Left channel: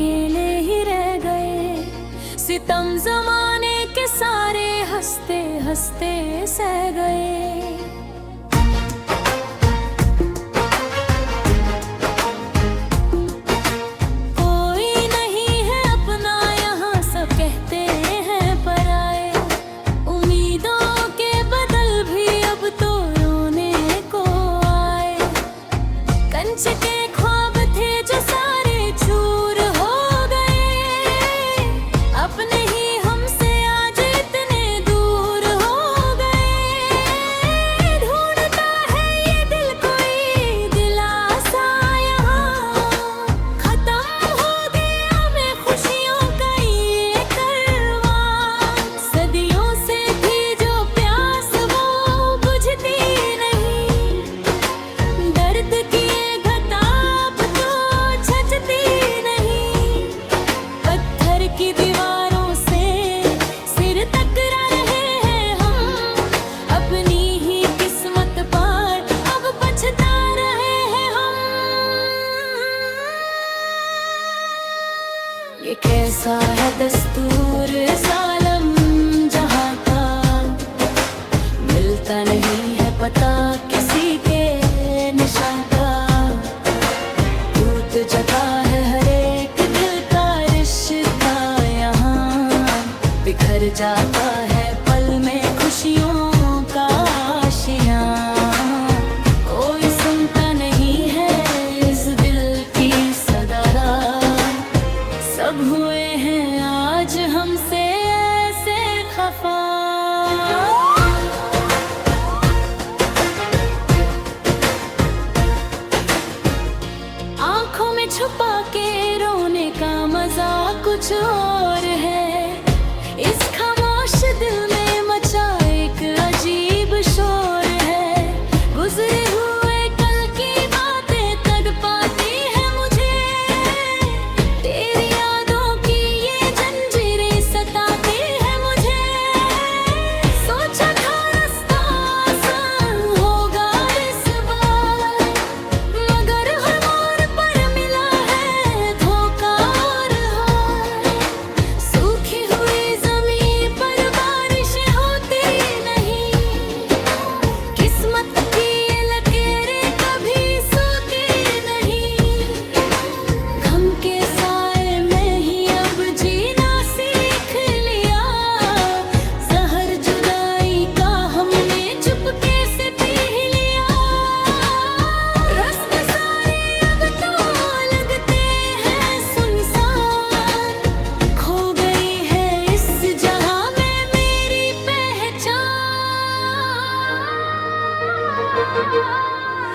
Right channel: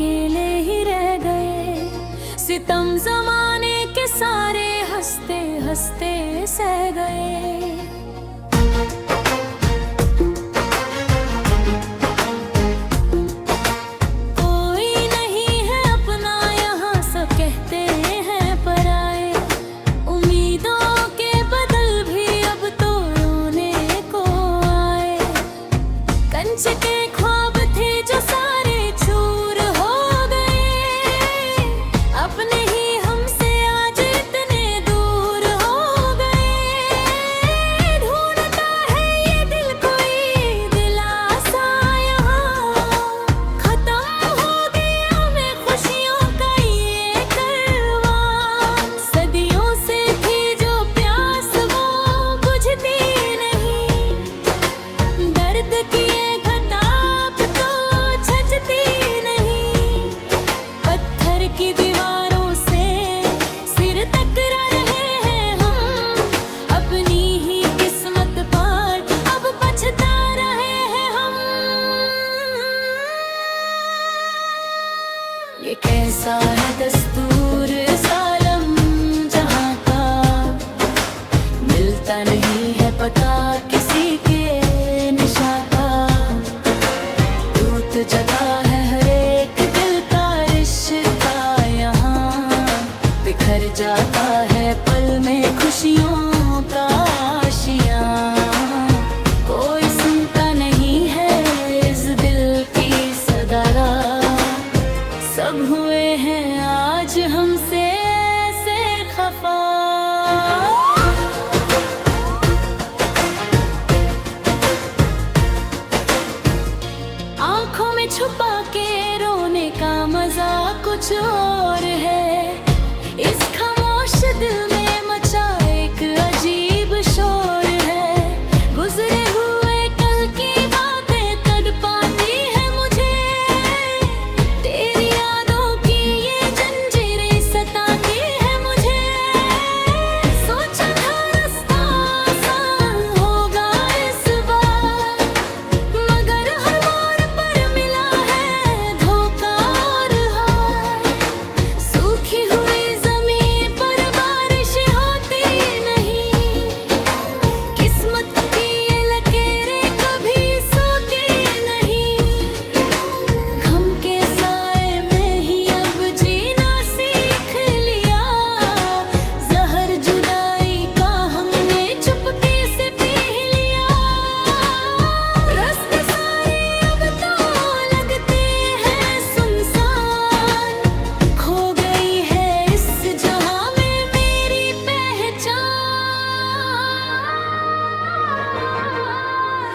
अकेले ही रह गए। सितम जमाने के सारे हंसते हंसते सह गए। कोई नहीं है अपना यहाँ, सब कहते हैं पराए। उम्मीदों के बदल भी अब तो रोने को आए। कंच के ख्वाब थे जो सारे चूर हो गए। अपने ही हमसे आज इतने दूर हो गए। ढूंढता है ये दिल कोई दिलासा यहाँ। खत्म हो गया में खुशियों का ये कारवां। सदियों से थी जो प्यास वो बुझती नहीं। दर्द की ये घताप तो छजती नहीं। पत्थर की दीवारों से सिर टकरा रहे हैं हम। अपनी ही किस्मत पर अब पछता रहे हैं हम। ये कैसा है दस्तूर जालिम जहाँ का, मिलता नहीं है पता किसी के निशा का। टूट जाता है हर एक दिल का रिश्ता यहाँ। बिखर जाता है पल में खुशियों का आशियाँ। कोई सुनता नहीं है इस दिल की सदरा। सब हुए हैं आज हमसे ऐसे खफा। आंखों में छुपा के रोने का मजा कुछ और है। इस खामोश दिल में मचा एक अजीब शोर है। गुजरे हुए कल की बातें तड़पाती है मुझे। तेरी यादों की ये जंजीरें सताती है मुझे। सोचा था रास्ता आसान होगा इस बार, मगर हर मोड़ पर मिला है धोखा और हार। सूखी हुई जमीन पर बारिश होती नहीं। किस्मत की ये लकीरें कभी सोती नहीं। गम के साए में ही अब जीना सीख लिया। जहर जुदाई का हमने चुपके से पी लिया। रास्ते सारे अब तो लगते हैं सुनसान। खो गई है इस जहां में मेरी पहचान।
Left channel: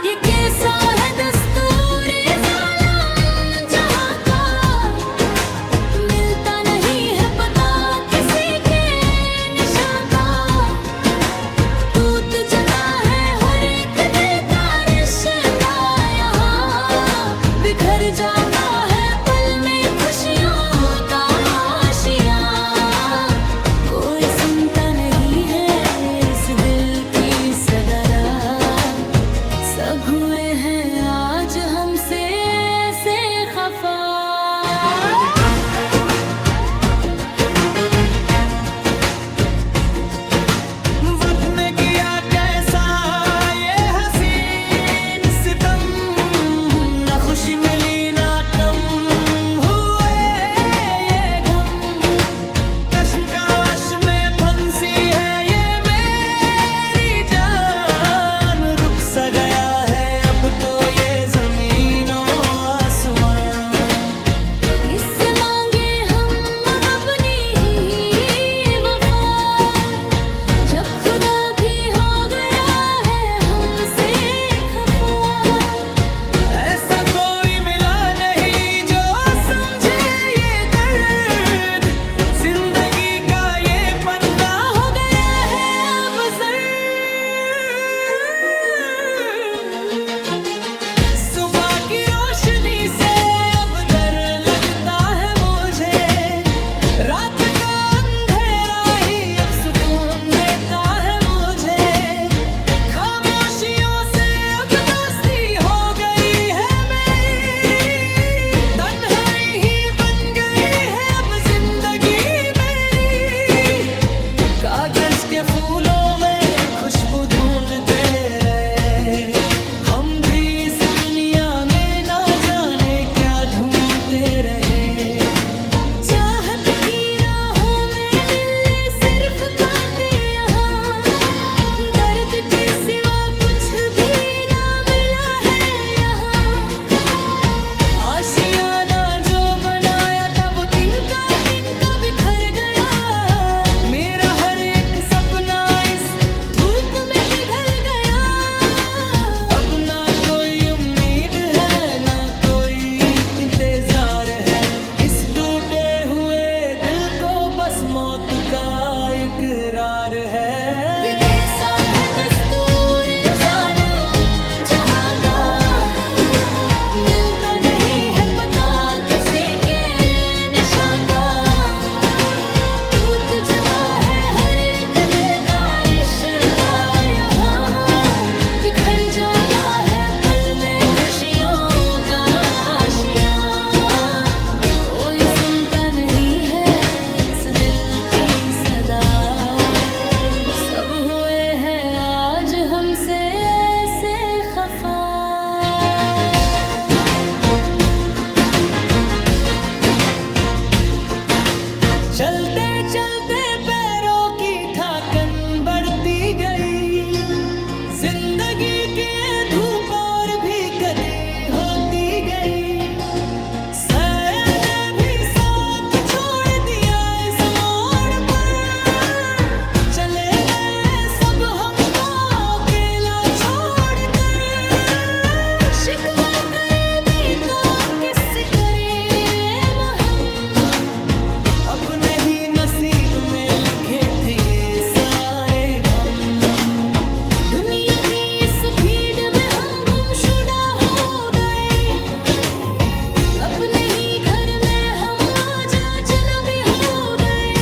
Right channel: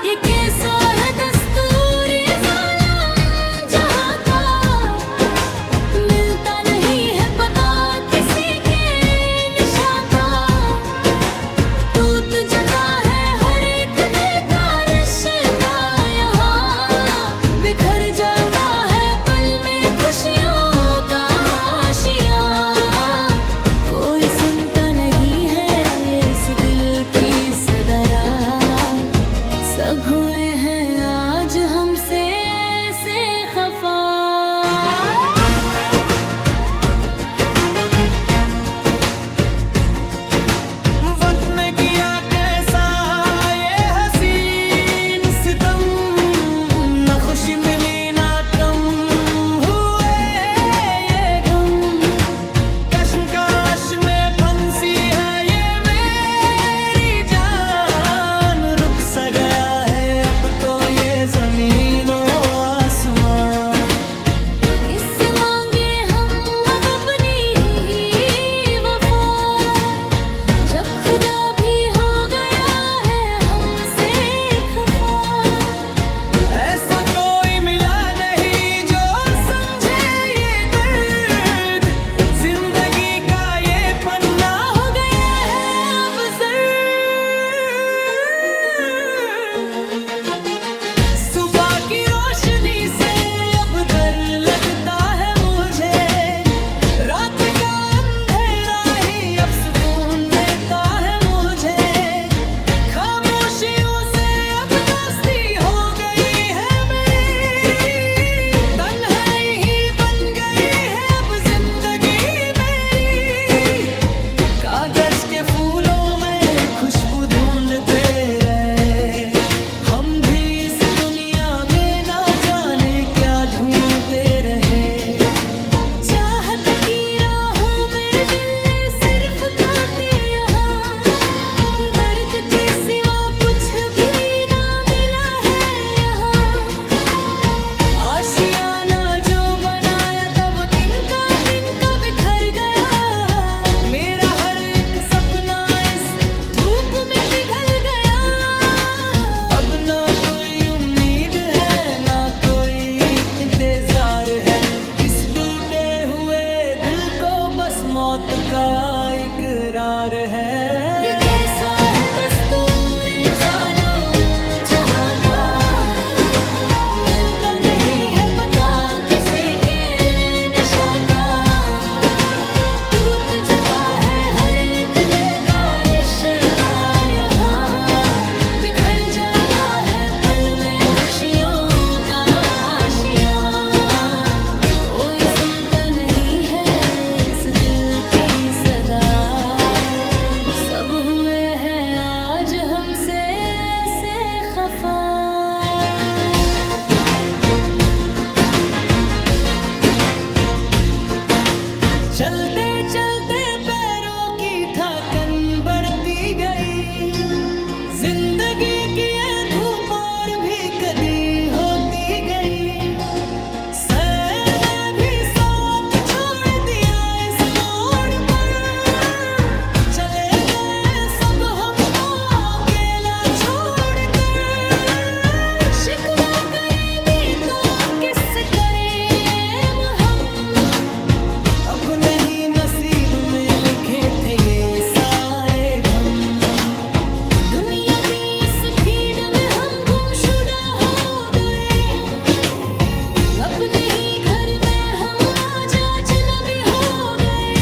ये कैसा है दस्तूर जालिम जहाँ का, मिलता नहीं है पता किसी के निशा का। टूट जाता है हर एक दिल का रिश्ता यहाँ। बिखर जाता है पल में खुशियों का आशियाँ। कोई सुनता नहीं है इस दिल की सदरा। सब हुए हैं आज हमसे ऐसे खफा। वक्त ने किया कैसा ये हसीन सितम। न खुशी मिली ना कम हुए ये गम। कश्मकश में फंसी है ये मेरी जान। रुक सा गया है अब तो ये जमीनों आसमान। इससे मांगे हम अब अपनी ही वफा। जब खुदा भी हो गया है हमसे खफा। ऐसा कोई मिला नहीं जो आशियाना जो बनाया था वो तिनका तिनका बिखर गया। मेरा हर एक सपना इस धूप में पिघल गया। अब ना कोई उम्मीद है ना कोई इंतजार है। इस टूटे हुए दिल को बस मौत का इकरार है। ये कैसा है दस्तूर ज़ालिम जहाँ का, मिलता नहीं है पता किसी के निशा का। टूट जाता है हर एक दिल का रिश्ता यहाँ, बिखर जाता है पल में खुशियों का आशियाँ। कोई सुनता नहीं है इस दिल की सदा, सब हुए हैं आज हमसे ऐसे खफा। चलते चलते पैरों की थकन बढ़ती गई। जिंदगी की ये धूप और भी कदी होती गई। सैर ने भी साथ छोड़ दिया इस मोड़ पर। चले गए सब हमको अकेला छोड़कर। शिकवा करे भी तो किससे करें हम, अपने ही नसीब में लिखे थे ये सारे गम। दुनिया की इस भीड़ में हम गुमशुदा हो गए। अपने ही घर में हम आज अजनबी हो गए।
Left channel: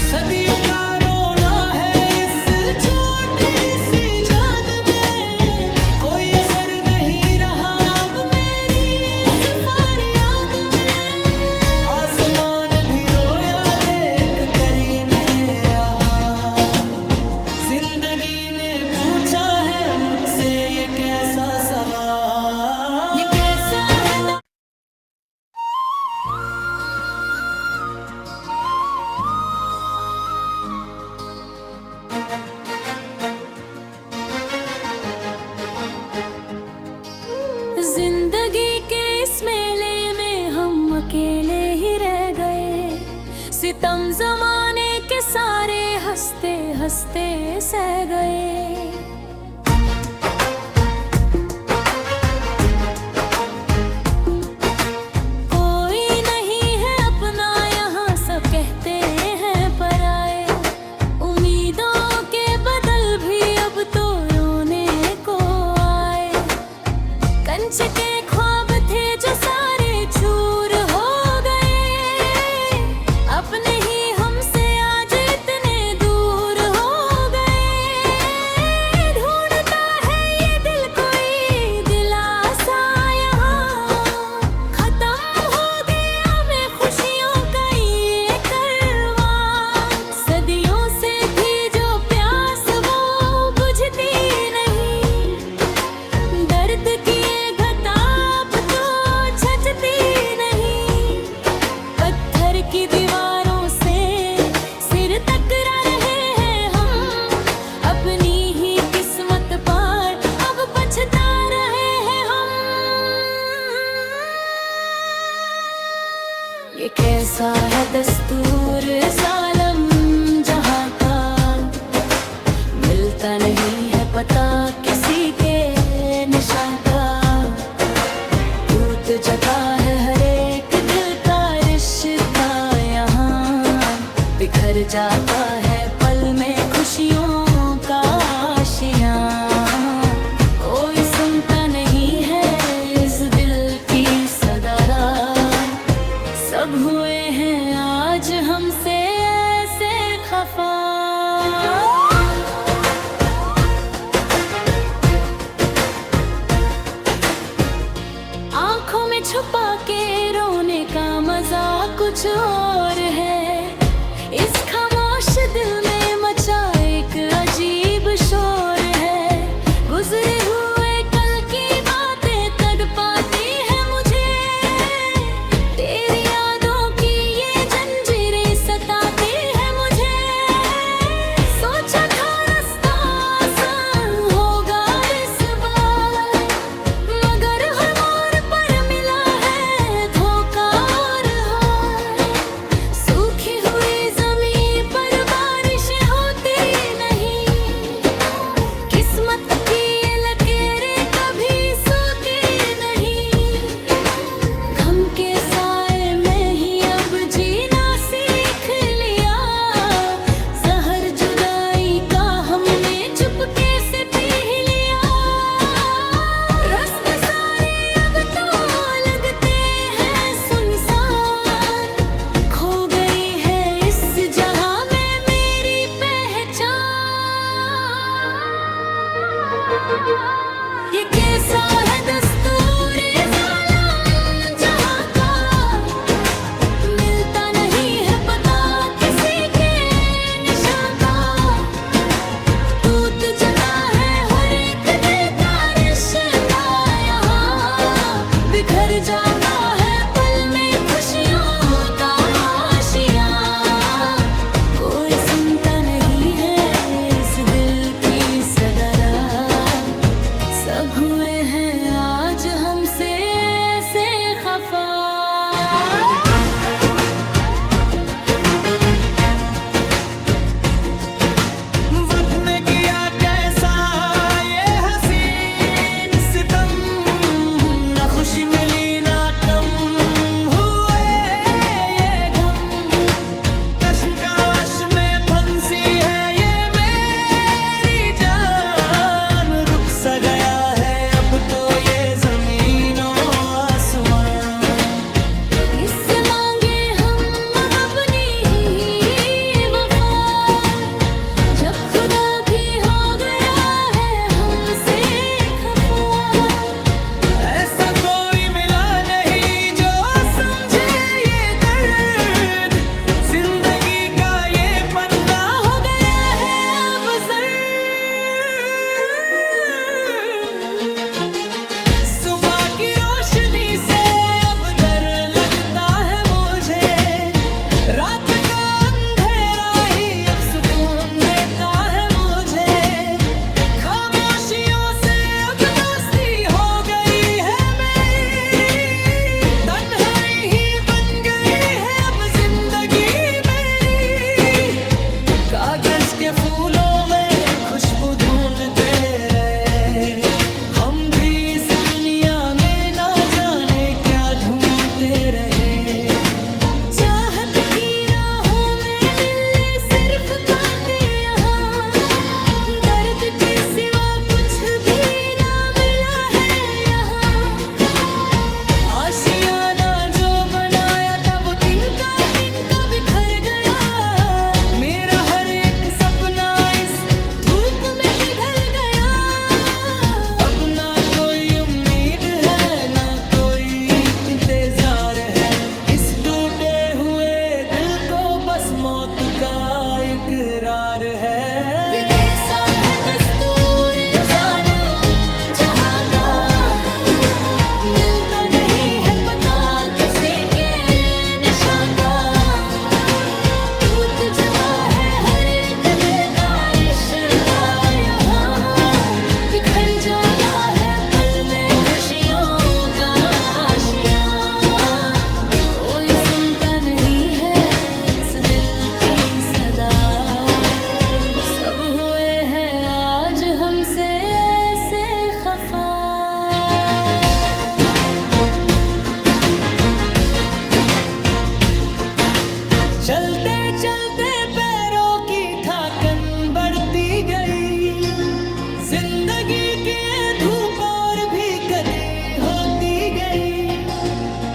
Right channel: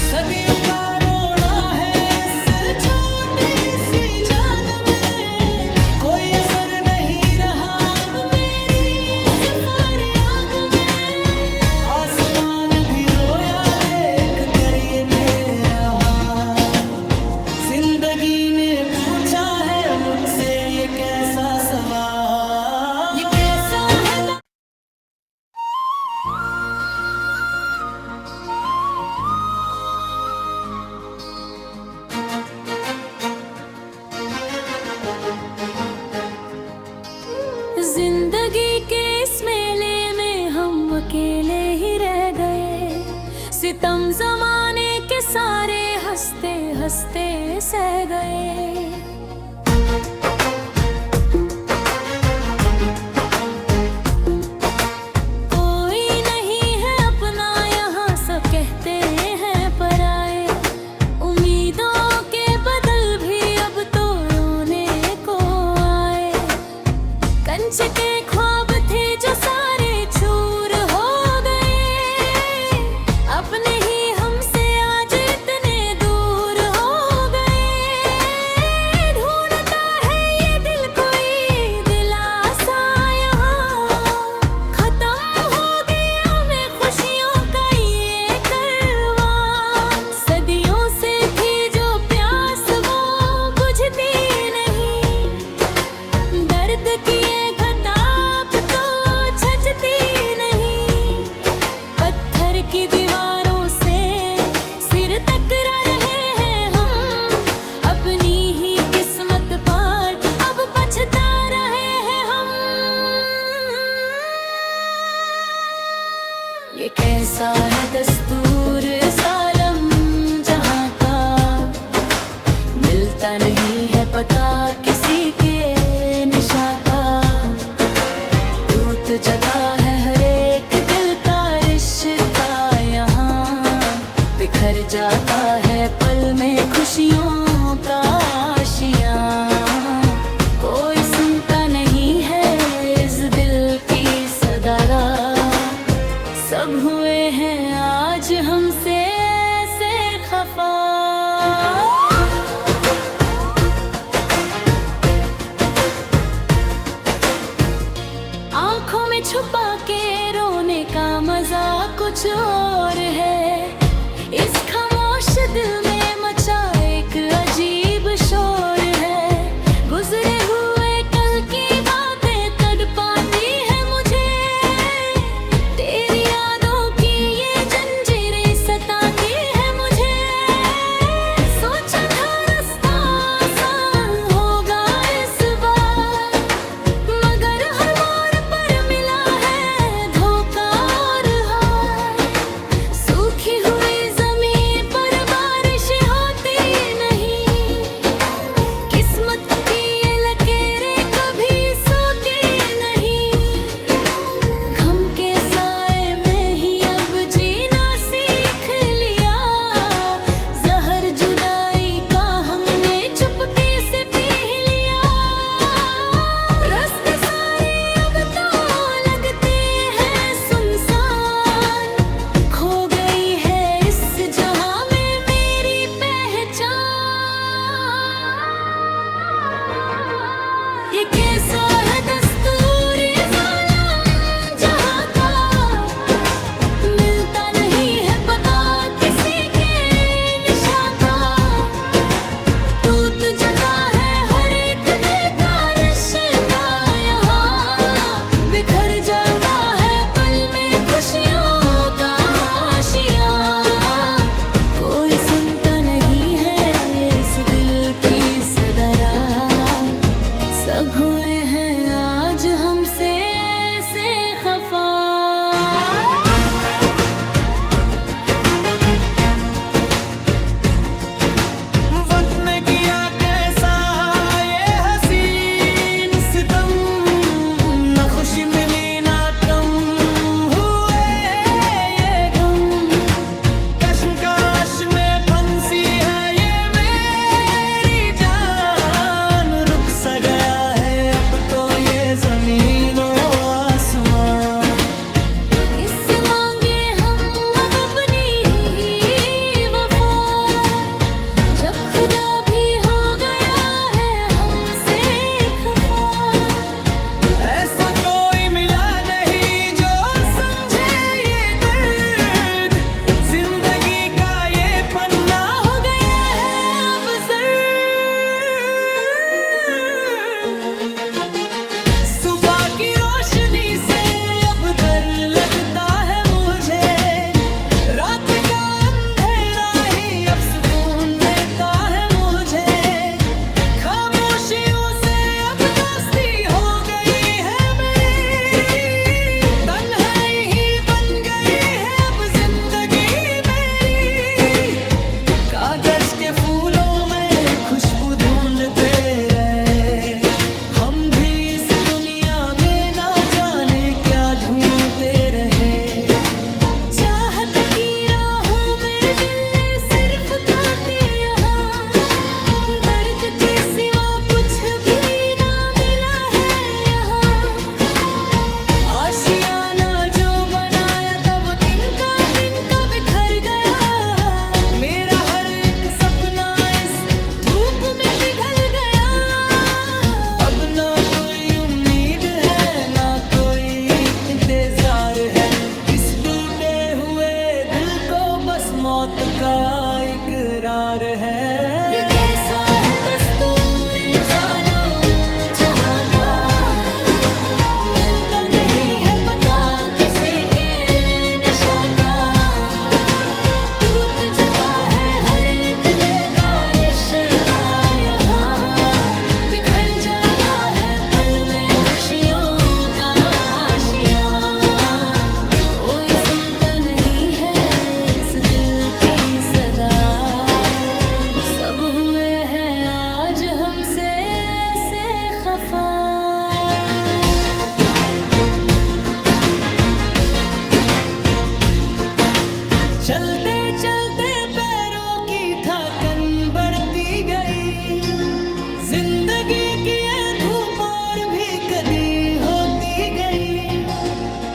सदियों का रोना है इस छोटी सी जान में। कोई असर नहीं रहा अब मेरी इस फरियाद में। आसमान भी रोया देख कर ये मेरा हाल। जिंदगी ने पूछा है मुझसे ये कैसा सवाल। ये कैसा है जिंदगी के इस मेले में हम अकेले ही रह गए। सितम जमाने के सारे हंसते हंसते सह गए। कोई नहीं है अपना यहाँ, सब कहते हैं पराए। उम्मीदों के बदल भी अब तो रोने को आए। कंच के ख्वाब थे जो सारे चूर हो गए। अपने ही हमसे आज इतने दूर हो गए। ढूंढता है ये दिल कोई दिलासा यहाँ। खत्म हो गया में खुशियों का ये कारवां। सदियों से थी जो प्यास वो बुझती नहीं। दर्द की ये घताप तो छजती नहीं। पत्थर की दीवारों से सिर टकरा रहे हैं हम। अपनी ही किस्मत पर अब पछता रहे हैं हम। ये कैसा है दस्तूर ज़ालिम जहाँ का, मिलता नहीं है पता किसी के निशा का। टूट जाता है हर एक दिल का रिश्ता यहाँ, बिखर जाता है पल में खुशियों का आशियाँ। कोई सुनता नहीं है इस दिल की सदारा, सब हुए हैं आज हमसे ऐसे खफा। आंखों में छुपा के रोने का मजा कुछ और है। इस खामोश दिल में मचा एक अजीब शोर है। गुजरे हुए कल की बातें तड़पाती है मुझे। तेरी यादों की ये जंजीरें सताती है मुझे। सोचा था रास्ता आसान होगा इस बार, मगर हर मोड़ पर मिला जाता है पल में खुशियों का आशियां। कोई सुनता नहीं है इस दिल की सदरा, सब हुए हैं आज हमसे ऐसे खफा। वक्त ने किया कैसा ये हसीन सितम, न खुशी मिली ना कम हुए ये गम। कश्मकश में फंसी है ये मेरी जान, रुक सा गया है अब तो ये जमीनों आसमान। इससे मांगे हम अब अपनी ही वफा, जब खुदा भी हो गया है हमसे खफा। ऐसा कोई मिला नहीं जो समझे ये दर्द, जिंदगी का ये पन्ना हो गया है अब जर्द। सुबह की रोशनी से अब डर लगता है मुझे, रात का अंधेरा ही अब सुकून देता है मुझे। खामोशियों से अब दोस्ती हो गई है मेरी, तन्हाई ही बन गई है अब जिंदगी मेरी। कागज के फूलों में खुशबू ढूंढते रहे हम भी इस दुनिया में, ना जाने क्या ढूंढते रहे। चाहत की राहों में मिले सिर्फ कांटे यहाँ, दर्द के सिवा कुछ भी ना मिला है यहाँ। आशियाना जो बनाया था वो तिनका तिनका बिखर गया, मेरा हर एक सपना इस धूप में पिघल गया। अब ना कोई उम्मीद है ना कोई इंतजार है, इस टूटे हुए दिल को बस मौत का इकरार ये है। कैसा है दस्तूर ज़ालिम जहाँ का, मिलता नहीं है पता किसी के निशा का। टूट जाता है हर एक दिल का रिश्ता यहाँ, बिखर जाता है पल में खुशियों का आशियां। कोई सुनता नहीं है इस दिल की सदा, सब हुए हैं आज हमसे ऐसे खफा। चलते चलते पैरों की थकन बढ़ती गई, जिंदगी की ये धूप और भी कदी होती गई।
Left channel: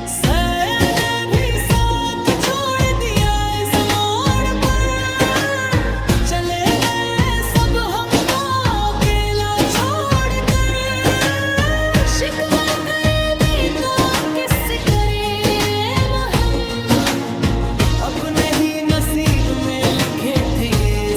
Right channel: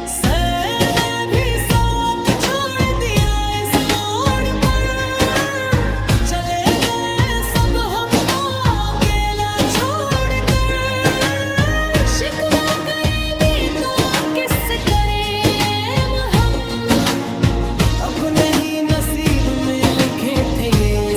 सैर ने भी साथ छोड़ दिया इस मोड़ पर, चले गए सब हमको अकेला छोड़कर। शिकवा करे भी तो किससे करें हम, अपने ही नसीब में लिखे थे ये